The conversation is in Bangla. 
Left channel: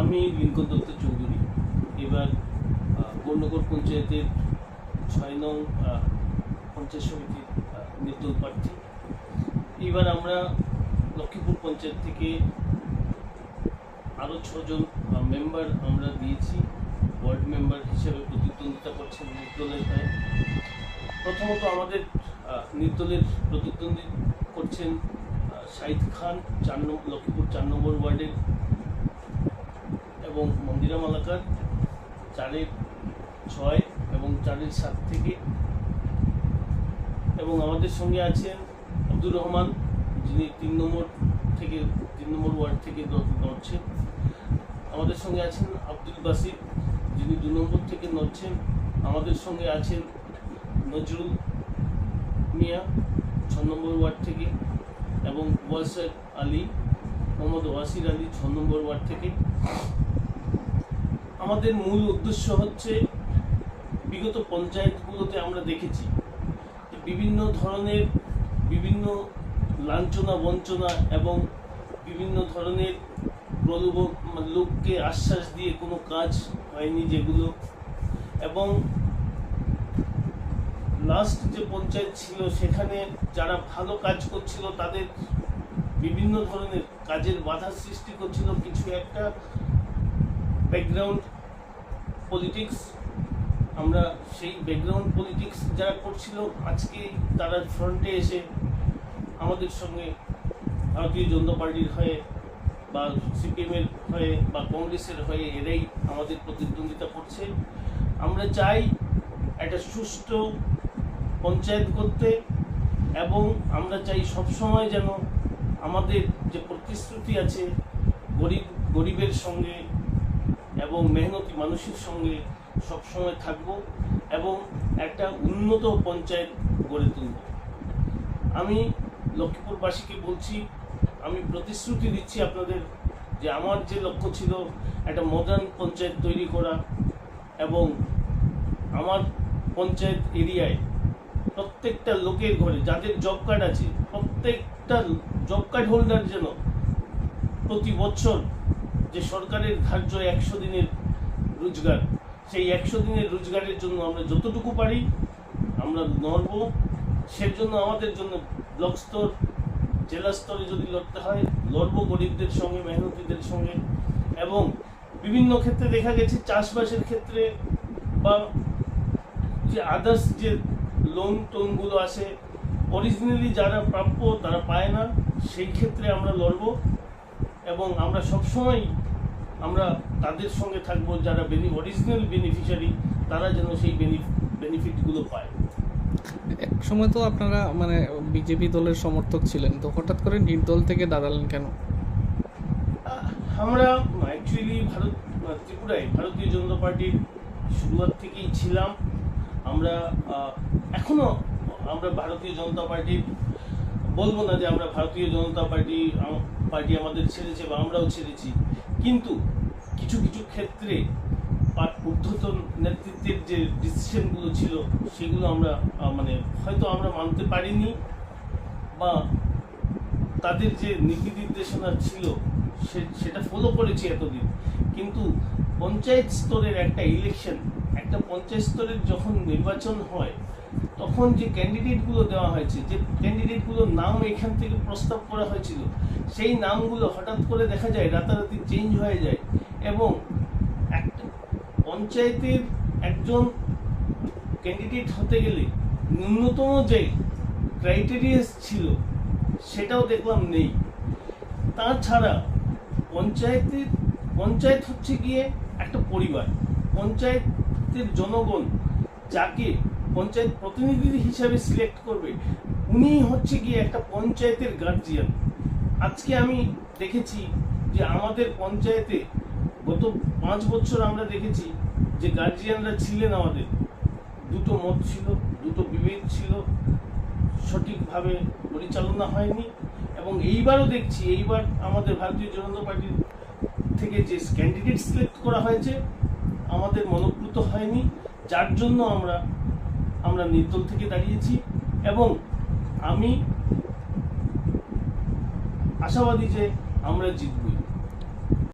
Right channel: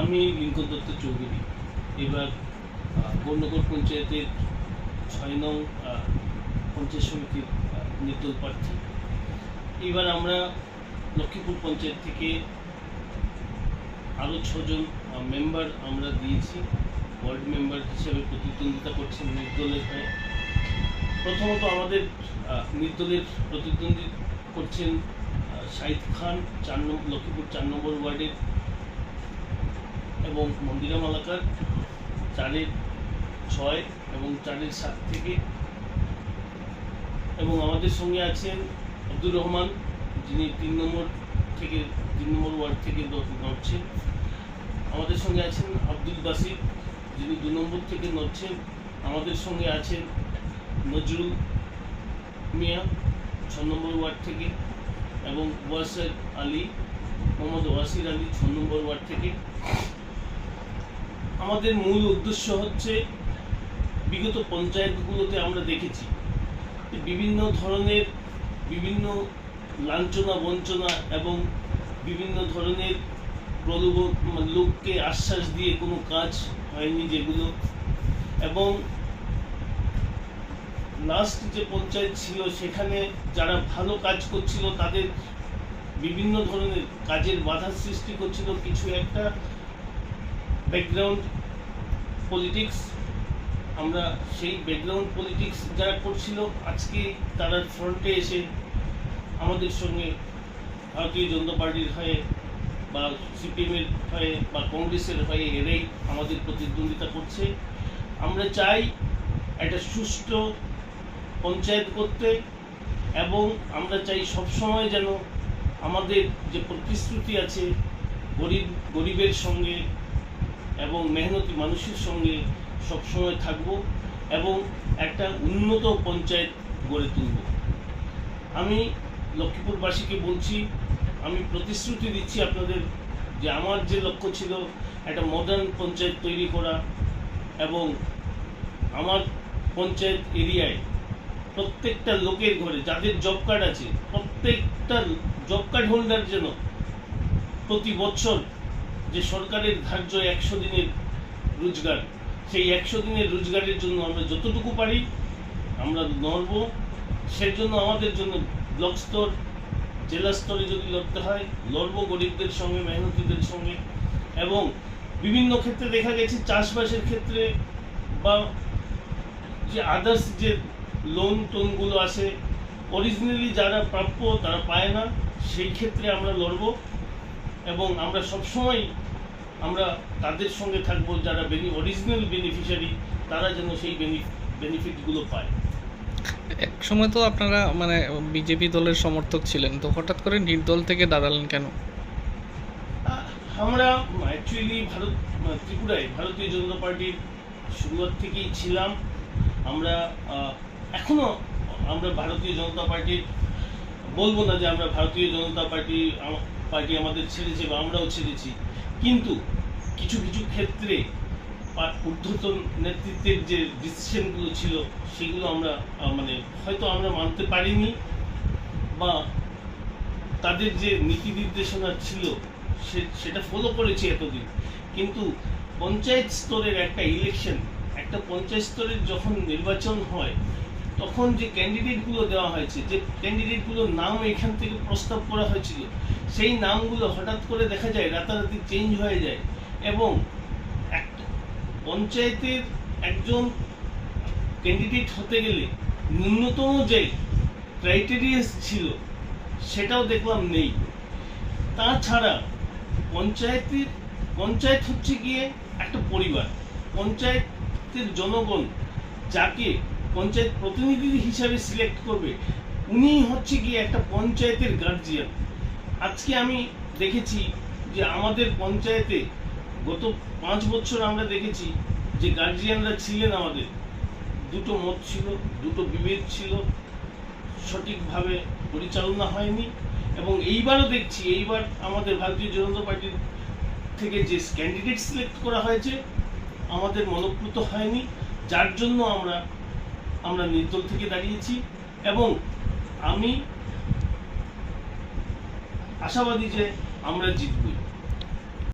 আমি লিঙ্কন দত্ত চৌধুরী। এবার আহ, পঞ্চায়েতের ছয় নং পঞ্চায়েত সমিতির নির্দল প্রার্থী। এবার আমরা লক্ষ্মীপুর পঞ্চায়েত থেকে আরও ছজন মেম্বার আমরা দিয়েছি। ওয়ার্ড মেম্বার হিসেবে প্রতিদ্বন্দ্বিতা করছেন নির্দলের হয়ে। প্রথমত আমাদের নির্দলের প্রতিদ্বন্দ্বী করছেন শাহিদ খান চার নম্বর লক্ষ্মীপুর চার নম্বর ওয়ার্ডের এবং মন্দিরা মালাকার চারের ছয় এবং চারের সাত থেকে। এবং আমাদের সঙ্গে আছেন আব্দুর রহমান, যিনি তিন নম্বর থেকে, তিন নম্বর ওয়ার্ড থেকে নড়ছেন। আমাদের সঙ্গে আছেন আব্দুল বাসির, যিনি দু নম্বর থেকে নড়ছেন। আমাদের সঙ্গে আছেন নজরুল মিয়া, ছ নম্বর ওয়ার্ড থেকে, এবং ওয়াসের আলী, মোহাম্মদ ওয়াসির আলী, ছ নম্বর ওয়ার্ড থেকে। আমাদের মূল উদ্দেশ্য হচ্ছে বিগত পঞ্চায়েতগুলোতে আমরা দেখেছি বিভিন্ন ধরনের বিভিন্ন লাঞ্ছনা, বঞ্চনা এবং বিভিন্ন ধরনের প্রলোভন মানে লোককে আশ্বাস দিয়ে কোনো কাজ হয়নি যেগুলো এবং লাস্ট যে পঞ্চায়েত ছিল, সেখানে যারা ভালো কাজ করছিল, তাদের বিভিন্ন ধরনের কাজের বাধা সৃষ্টি করছিল। কিছু একটা ব্যাকগ্রাউন্ড পলিটিক্স আমরা সেই ব্যাকগ্রাউন্ড পলিটিক্স যারা করছিল, আজকে তারা ফ্রন্টে এসে আমাদের সঙ্গে ভারতীয় জনতা পার্টির হয়ে বা সিপিএমের হয়ে বা কংগ্রেসের হয়ে এরাই আমাদের প্রতিদ্বন্দ্বিতা করছে। আমরা চাই একটা সুষ্ঠু পঞ্চায়েত করতে এবং আমরা চাই সবসময় যেন আমাদের যে প্রতিশ্রুতি আছে, গরিব, গরিবের সঙ্গে এবং মেহনতি মানুষের সঙ্গে সবসময় থাকব এবং একটা উন্নত পঞ্চায়েত গড়ে তুলব। আমি লক্ষ্মীপুরবাসীকে বলছি, আমি প্রতিশ্রুতি দিচ্ছি আপনাদের যে আমার যে লক্ষ্য ছিল একটা মডার্ন পঞ্চায়েত তৈরি করা এবং আমার পঞ্চায়েত এরিয়ায় প্রত্যেকটা লোকের ঘরে যাদের জব কার্ড আছে, প্রত্যেকটা জব কার্ড হোল্ডার যেন প্রতি বছর যে সরকারের ধার্য একশো দিনের রোজগার, সেই একশো দিনের রোজগারের জন্য আমরা যতটুকু পারি আমরা লড়ব সের জন্য আমাদের জন্য ব্লক স্তর, জেলা স্তরে যদি লড়তে হয়, লড়ব গরিবদের সঙ্গে, মেহনতিদের সঙ্গে। এবং বিভিন্ন ক্ষেত্রে দেখা গেছে চাষবাসের ক্ষেত্রে বা যে আদার্স যে লোন টোনগুলো আছে অরিজিনালি যারা প্রাপ্য তারা পায় না, সেই ক্ষেত্রে আমরা লড়ব। এবং আমরা সবসময় আমরা তাদের সঙ্গে থাকব যারা বেনি অরিজিনাল বেনিফিশিয়ারি তারা যেন সেই বেনিফিটগুলো পায়। এক সময় তো আপনারা মানে বিজেপি দলের সমর্থক ছিলেন তো হঠাৎ করে নির্দল থেকে দাঁড়ালেন কেন? আমরা অ্যাকচুয়ালি ভারত ত্রিপুরায় ভারতীয় জনতা পার্টির শুরুয়াত থেকেই ছিলাম। আমরা আহ, এখনও আমরা ভারতীয় জনতা পার্টির বলব না যে আমরা ভারতীয় জনতা পার্টি পার্টি আমাদের ছেড়েছে বা আমরাও ছেড়েছি। কিন্তু কিছু কিছু ক্ষেত্রে ঊর্ধ্বতন নেতৃত্বের যে ডিসিশনগুলো ছিল, সেগুলো আমরা মানে হয়তো আমরা মানতে পারিনি বা তাদের যে নীতি নির্দেশনা ছিল সেটা ফলো করেছি এতদিন। কিন্তু পঞ্চায়েত স্তরের একটা ইলেকশন একটা পঞ্চায়েত স্তরের যখন নির্বাচন হয় তখন যে ক্যান্ডিডেটগুলো দেওয়া হয়েছে, যে ক্যান্ডিডেটগুলোর নাম এখান থেকে প্রস্তাব করা হয়েছিল, সেই নামগুলো হঠাৎ করে দেখা যায়, রাতারাতি চেঞ্জ হয়ে যায় এবং একটা পঞ্চায়েতের একজন ক্যান্ডিডেট হতে গেলে ন্যূনতম যে ক্রাইটেরিয়াস ছিল, সেটাও দেখলাম নেই। তাছাড়া পঞ্চায়েতের, পঞ্চায়েত হচ্ছে গিয়ে একটা পরিবার। পঞ্চায়েতের জনগণ যাকে পঞ্চায়েত প্রতিনিধি হিসাবে সিলেক্ট করবে। উনি হচ্ছে গিয়ে একটা পঞ্চায়েতের গার্জিয়ান আজকে আমি দেখেছি যে আমাদের পঞ্চায়েতে গত পাঁচ বছর আমরা দেখেছি যে গার্জিয়ানরা ছিলেন আমাদের। দুটো মত ছিল, দুটো বিভেদ ছিল, সঠিকভাবে পরিচালনা হয়নি এবং এইবারও দেখছি, এইবার আমাদের ভারতীয় জনতা পার্টির থেকে যে ক্যান্ডিডেট সিলেক্ট করা হয়েছে, আমাদের মনপ্লুত হয়নি। যার জন্য আমরা আমরা নির্দল থেকে দাঁড়িয়েছি এবং আমি আশাবাদী যে আমরা জিতবই।